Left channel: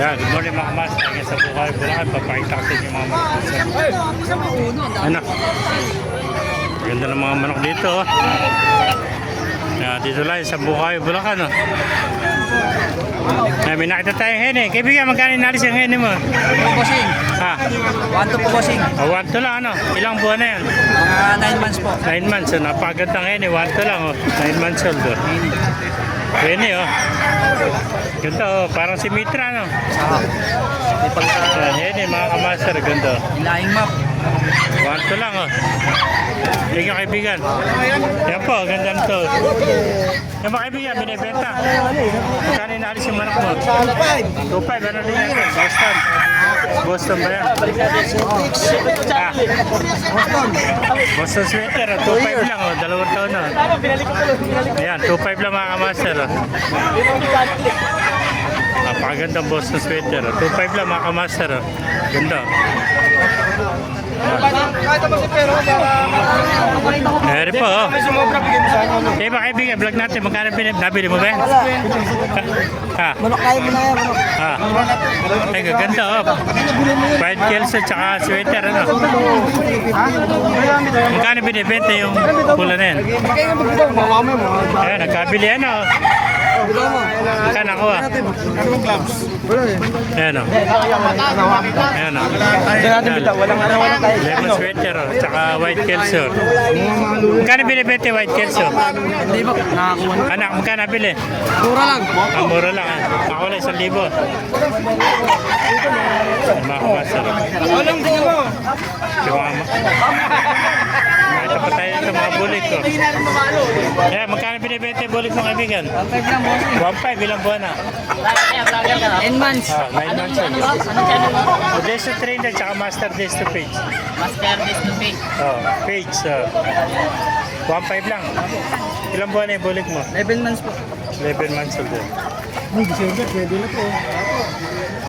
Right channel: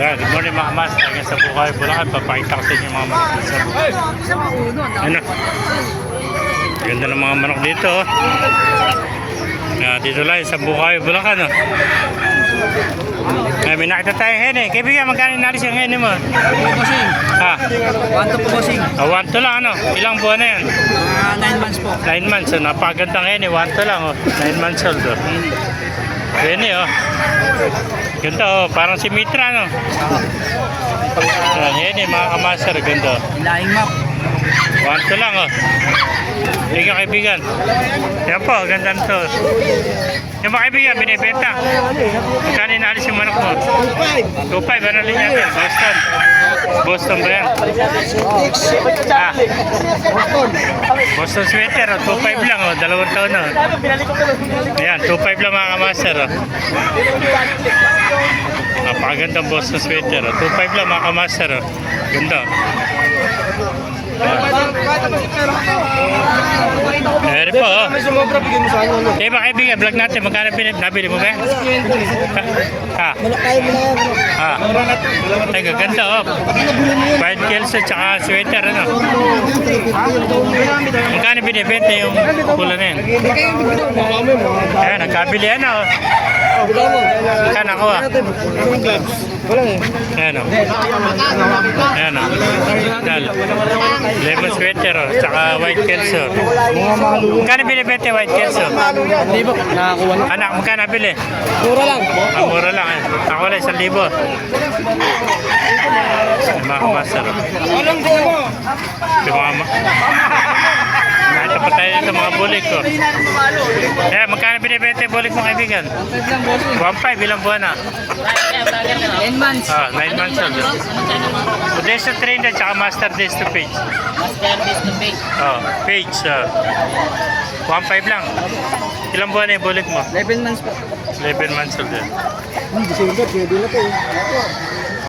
Ayan, good morning mga kamas. Ayan sa Bukay, Bulacan. Papakita ko sa inyo mga manok sa Bukay. Ano? Ganda ng mga manok dito. Dito lang sa Bukay, Bulacan. May nakita tayong hene. Kaibigan, magkano inalis yung hene mo? Bossing. Ha? 1 to po, bossing. 1 to lang ano? Ilang buwan na yan? Mga 9 months po. 9 months. Napagandang hene. 1 to lang. 9 months old. Hene Ganda parang si Mitra no? Hene mga kamaster. Ganda. Ilaing map. 1 to lang Thank you kaibigan. Yan po, ganda nito. Yung mga kaibigan, binibenta. Magkano inaalis yung manok mo? 2.5, ano rin natin? Boston. Boston ba yan? Boston sweater, 2.5 lang, 2 taon na. Ayan, 2.5 lang mga kamaster. Napakagandang Boston sweater. 2.5 lang mga kamaster. Ganda. Meron po ba kaibigan, vlog natin, magkano nabili mo ba yan? Ay, ganda White Kelso tsaka sweater Magkano binibenta yung pula na yan? Ayan, nagkabili yan Magkano ako Ayan Ayan lemon sweater tsaka white kelso. Magkano binibenta white kelso? Anak, magkano bili? Mura lang. Mura lang Ako na 1,000. Mga kamasar. Nakita pa tayo dito mga bulik ko. Magkano binibenta yung bulik mo kaibigan? 1.5 ilang buwan na? 9 months. 9 months old. Odessa trainer tsaka master days to page. Page. 1.5 lang. Ilang buwan na yung bulik mo? 11 months po. 11 months old yun. Pwede na po.